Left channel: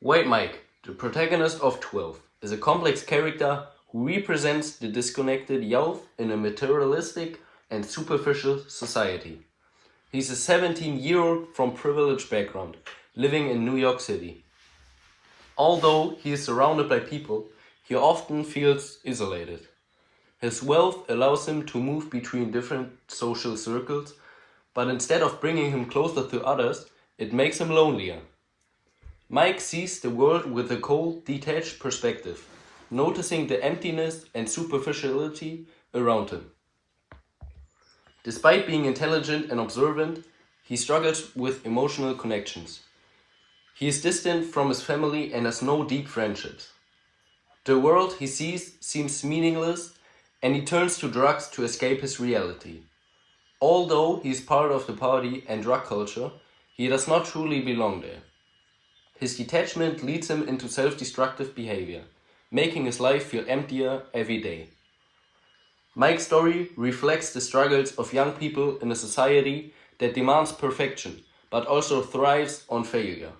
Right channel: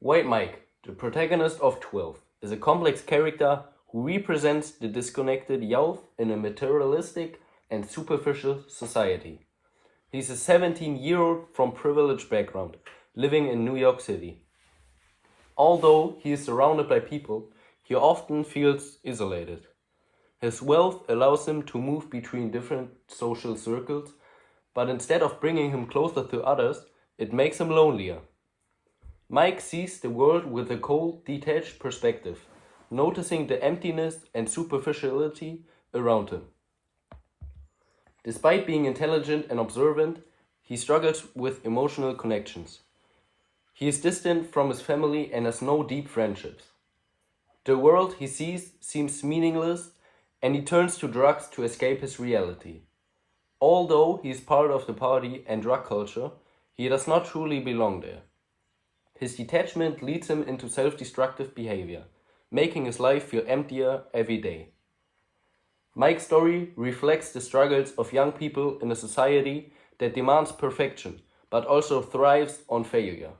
White Mike, the protagonist of 12, is a complex character who represents the disconnected youth in a materialistic and superficial society. He's a 17-year-old from privileged background, living in New York City. Although he is surrounded by people, he often feels isolated. His wealth allows him to move between different social circles, but instead of bringing him closer to others, it makes him lonelier. Mike sees the world with a cold, detached perspective, noticing the emptiness and superficiality around him. Despite being intelligent and observant, he struggles with emotional connections. He is distant from his family and has no deep friendships. The world he sees seems meaningless, and he turns to drugs to escape his reality. Although he is part of the party and drug culture, he does not truly belong there. His detachment leads him into self-destructive behavior, making his life feel emptier every day. Mike's story reflects the struggles of young people in a society that demands perfection, but also thrives on failure.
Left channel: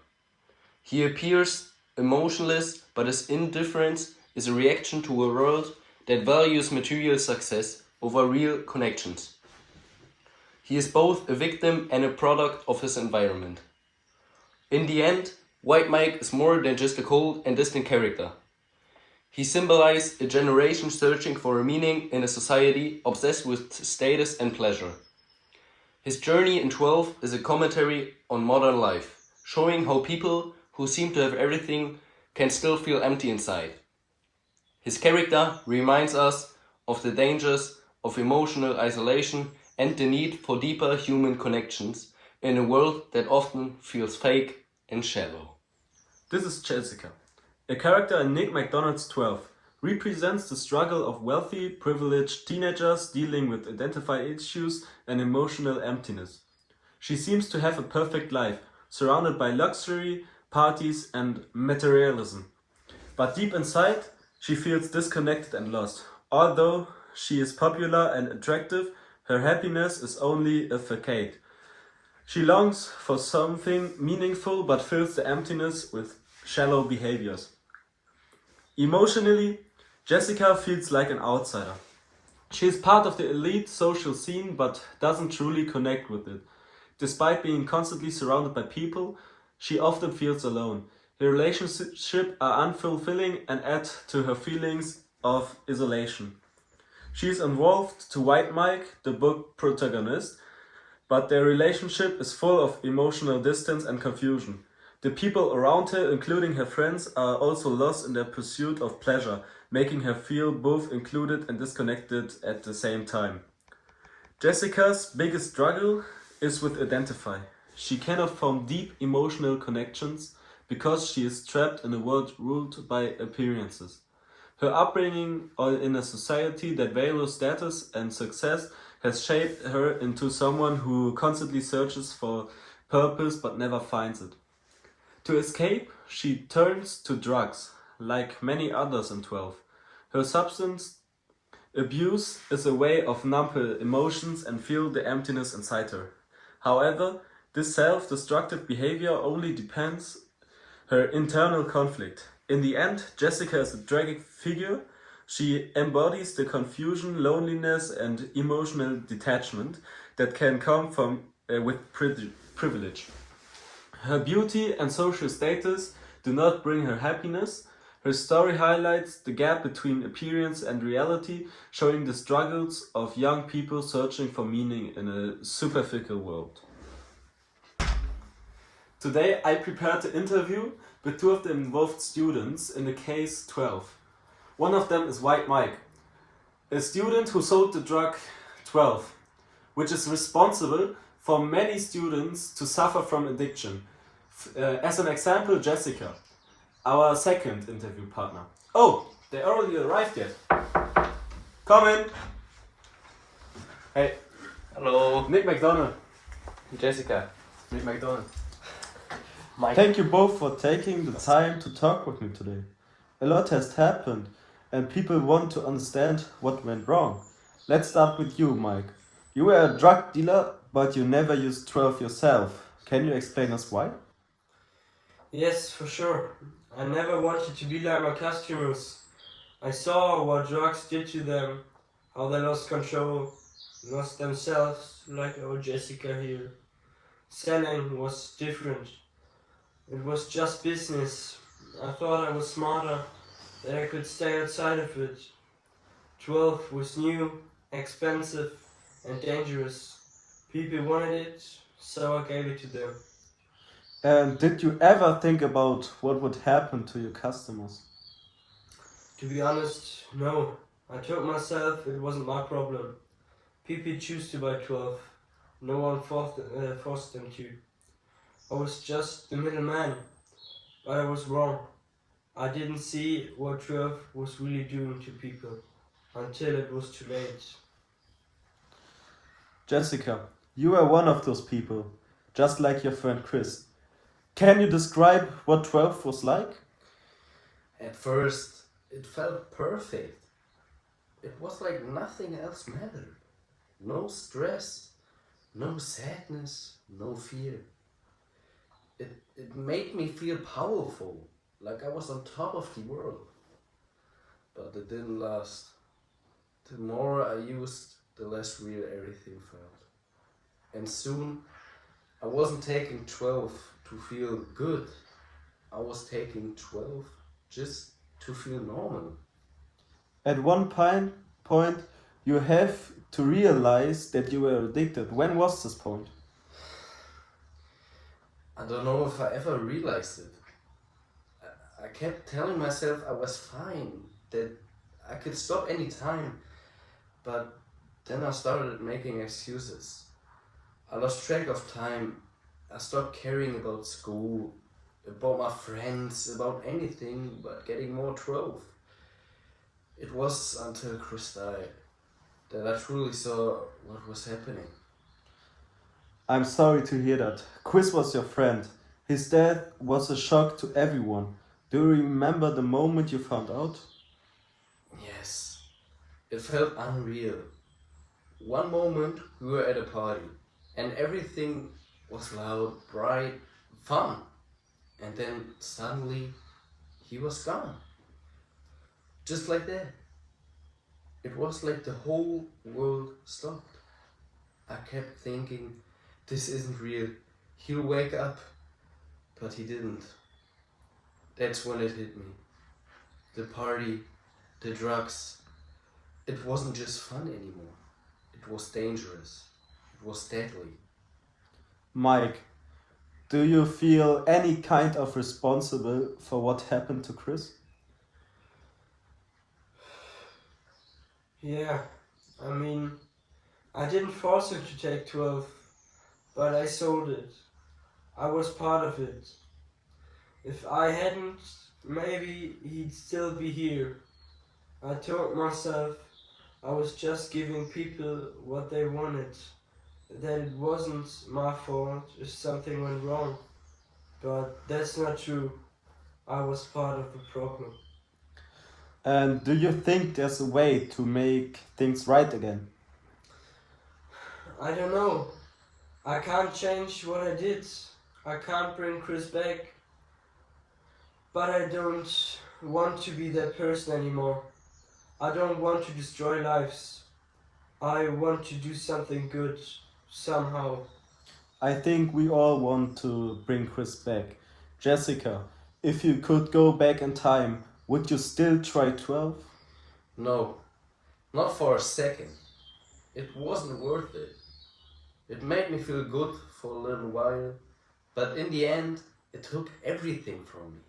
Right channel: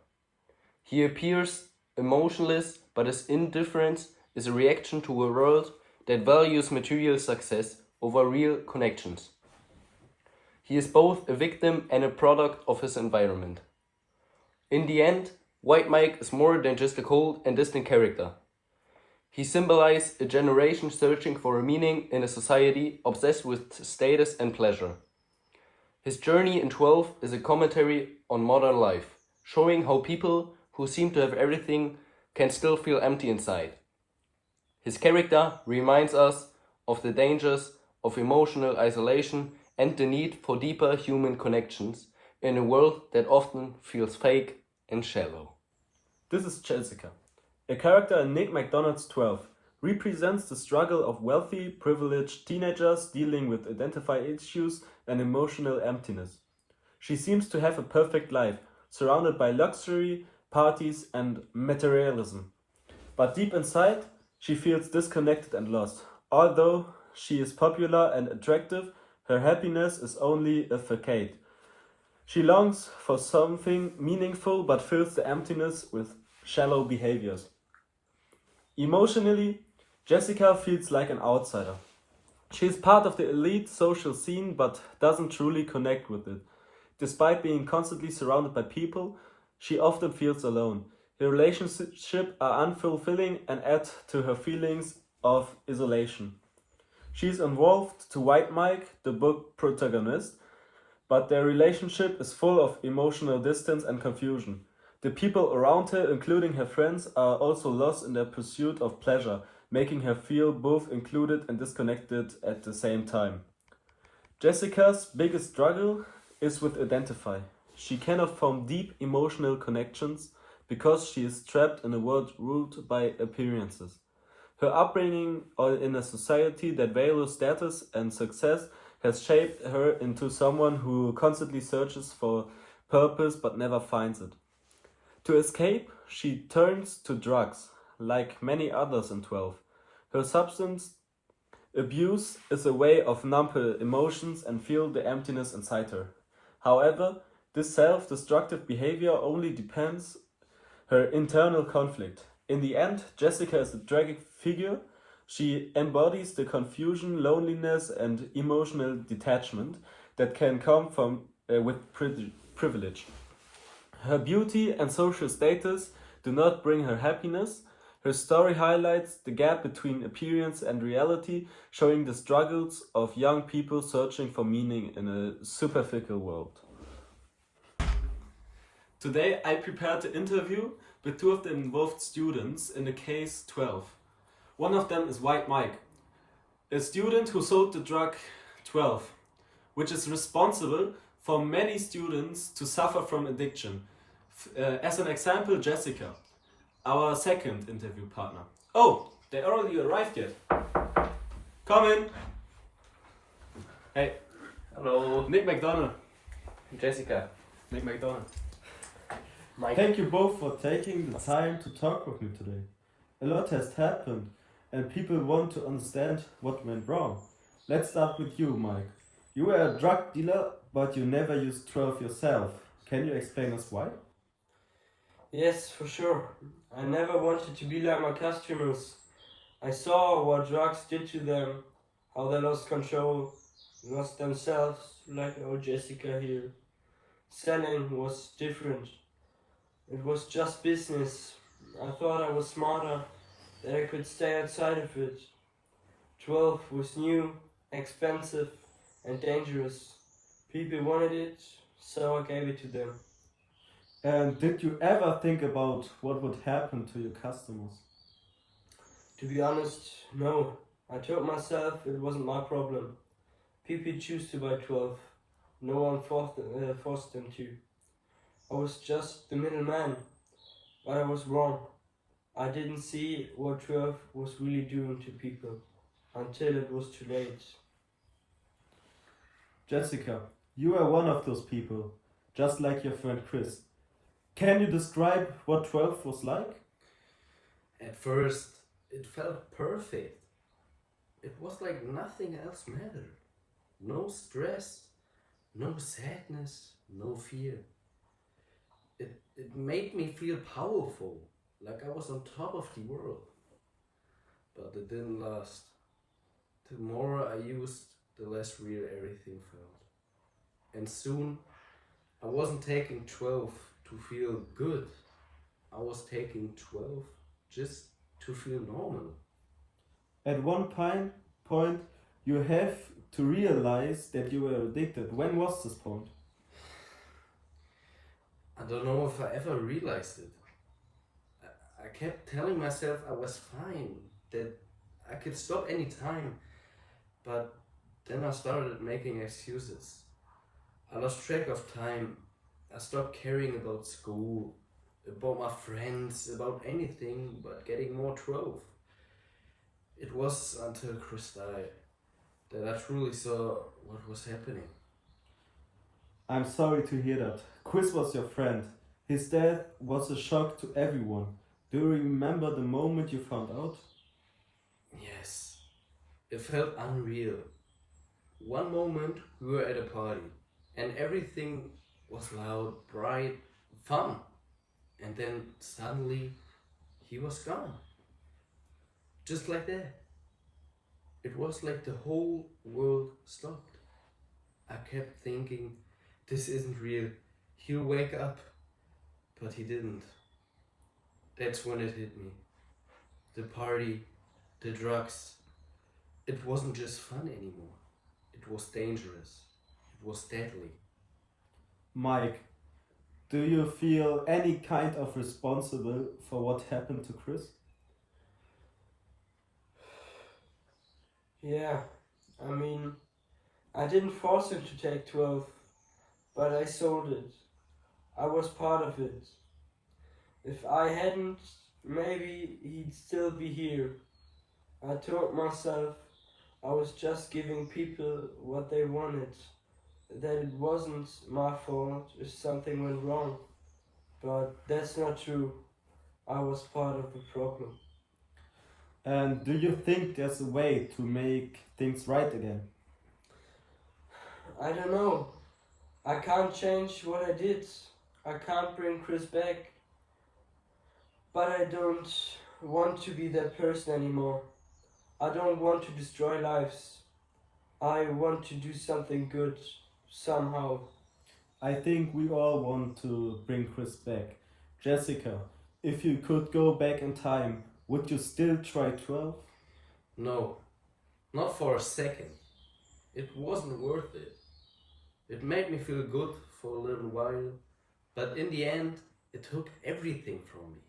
He appears emotionless, but his indifference is a reaction to a world that values material success over real connections. He is both a victim and a product of his environment. In the end, White Mike is more than just a cold and distant character. He symbolizes a generation searching for a meaning in a society obsessed with status and pleasure. His journey in 12 is a commentary on modern life, showing how people who seem to have everything can still feel empty inside. His character reminds us of the dangers of emotional isolation and the need for deeper human connections in a world that often feels fake and shallow. This is Jessica. A character in Nick McDonald's 12 represents the struggle of wealthy, privileged teenagers dealing with identity issues and emotional emptiness. She seems to have a perfect life, surrounded by luxury, parties, and materialism. But deep inside, she feels disconnected and lost. Although she is popular and attractive, her happiness is only a facade. She longs for something meaningful but fills the emptiness with shallow behaviors. Emotionally, Jessica feels like an outsider. She is part of the elite social scene but doesn't truly connect with it. Despite being constantly surrounded by people, she often feels alone. Her relationships are unfulfilling and add to her feelings of isolation. She is involved to White Mike, the book protagonist, but their relationship is full of emotional distance and confusion. The people around her, including her friends, are also lost in their pursuit of pleasure, making her feel both included and disconnected at the same time. Jessica's biggest struggle is with identify. She cannot form deep emotional connections because she is trapped in a world ruled by appearances. Her upbringing in a society that values status and success has shaped her into someone who constantly searches for purpose but never finds it. To escape, she turns to drugs, like many others in 12. Her substance abuse is a way of numb her emotions and feel the emptiness inside her. However, this self-destructive behavior only depends her internal conflict. In the end, Jessica is a tragic figure. She embodies the confusion, loneliness, and emotional detachment that can come from with privilege. Her beauty and social status do not bring her happiness. Her story highlights the gap between appearance and reality, showing the struggles of young people searching for meaning in a superficial world. Today I prepared an interview with two of the involved students in the case 12. One of them is White Mike, a student who sold the drug 12, which is responsible for many students to suffer from addiction. As an example, Jessica, our second interview partner. Oh, they already arrived yet. Come in. Hey, Hello, Nick McDonald. Jessica. Nick McDonald. Mike. Thank you both for taking the time to talk with me today. A lot has happened, and people want to understand what went wrong. Let's start with you, Mike. You were a drug dealer, but you never used 12 yourself. Can you explain us why? Yes, for sure. I never wanted to be like my customers. I saw what drugs did to them, how they lost control, lost themselves, like old Jessica here. Selling was different. It was just business. I thought I was smarter, that I could stay outside of it. 12 was new, expensive, and dangerous. People wanted it, so I gave it to them. And did you ever think about what would happen to your customers? To be honest, no. I told myself it wasn't my problem. People choose to buy 12. No one forced them to. I was just the middleman, but I was wrong. I didn't see what 12 was really doing to people until it was too late. Jessica, you are one of those people, just like your friend Chris. Can you describe what 12 was like? At first, it felt perfect. It was like nothing else mattered. No stress, no sadness, no fear. It made me feel powerful, like I was on top of the world. But it didn't last. The more I used, the less real everything felt. And soon, I wasn't taking 12 to feel good. I was taking 12 just to feel normal. At one point, you have to realize that you were addicted. When was this point? I don't know if I ever realized it. I kept telling myself I was fine, that I could stop any time, but then I started making excuses. I lost track of time. I stopped caring about school, about my friends, about anything but getting more 12. It was until Chris died that I truly saw what was happening. I'm sorry to hear that. Chris was your friend. His death was a shock to everyone. Do you remember the moment you found out? Yes, it felt unreal. One moment we were at a party and everything was loud, bright, fun. And then suddenly he was gone. Just like that. It was like the whole world stopped. I kept thinking, this isn't real. He'll wake up. But he didn't. That's when it hit me. The party, the drugs. It wasn't just fun anymore. It was dangerous. It was deadly. Mike, do you feel any kind of responsible for what happened to Chris? Yeah, I mean, I didn't force him to take 12, but I sold it. I was part of it. If I hadn't, maybe he'd still be here. I told myself I was just giving people what they wanted, that it wasn't my fault if something went wrong. But that's not true. I was part of the problem. And do you think there's a way to make things right again? I don't know. I can't change what I did. I can't bring Chris back. But I don't want to be that person anymore. I don't want to destroy lives. I want to do something good, somehow. I think we all want to bring Chris back. Jessica, if you could go back in time, would you still try 12? No, not for a second. It wasn't worth it. It made me feel good for a little while, but in the end, it took everything from me.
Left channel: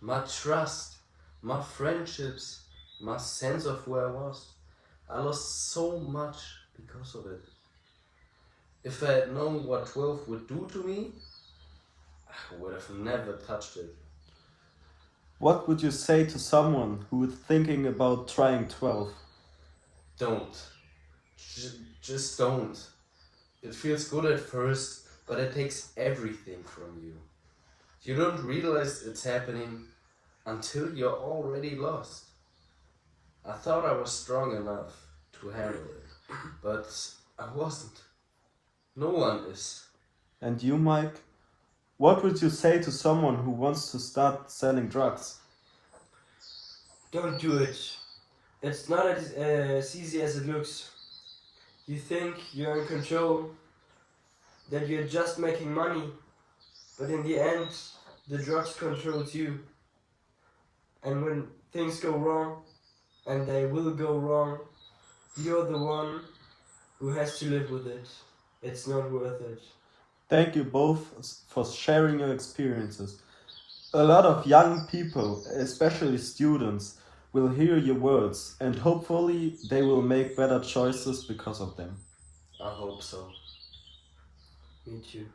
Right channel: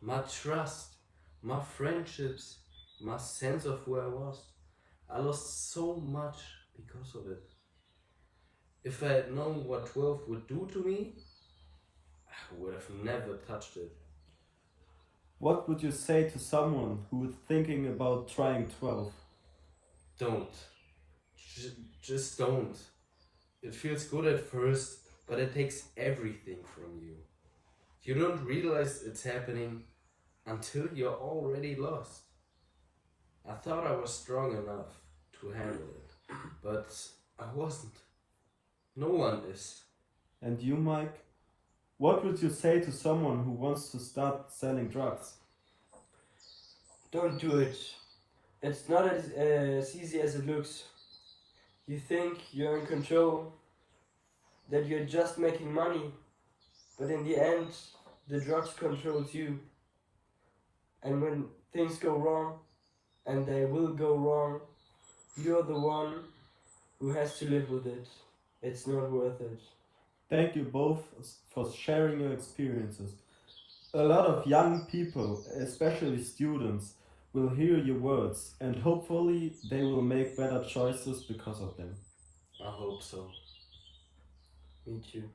My trust, my friendships, my sense of who I was. I lost so much because of it. If I had known what 12 would do to me, I would have never touched it. What would you say to someone who is thinking about trying 12? Don't. Just don't. It feels good at first, but it takes everything from you. You don't realize it's happening until you're already lost. I thought I was strong enough to handle it, but I wasn't. No one is. And you, Mike? What would you say to someone who wants to start selling drugs? Don't do it. It's not as easy as it looks. You think you're in control, that you're just making money, but in the end, the drugs controls you. And when things go wrong, and they will go wrong, you're the one who has to live with it. It's not worth it. Thank you both for sharing your experiences. A lot of young people, especially students, will hear your words and hopefully they will make better choices because of them. I hope so. Me too.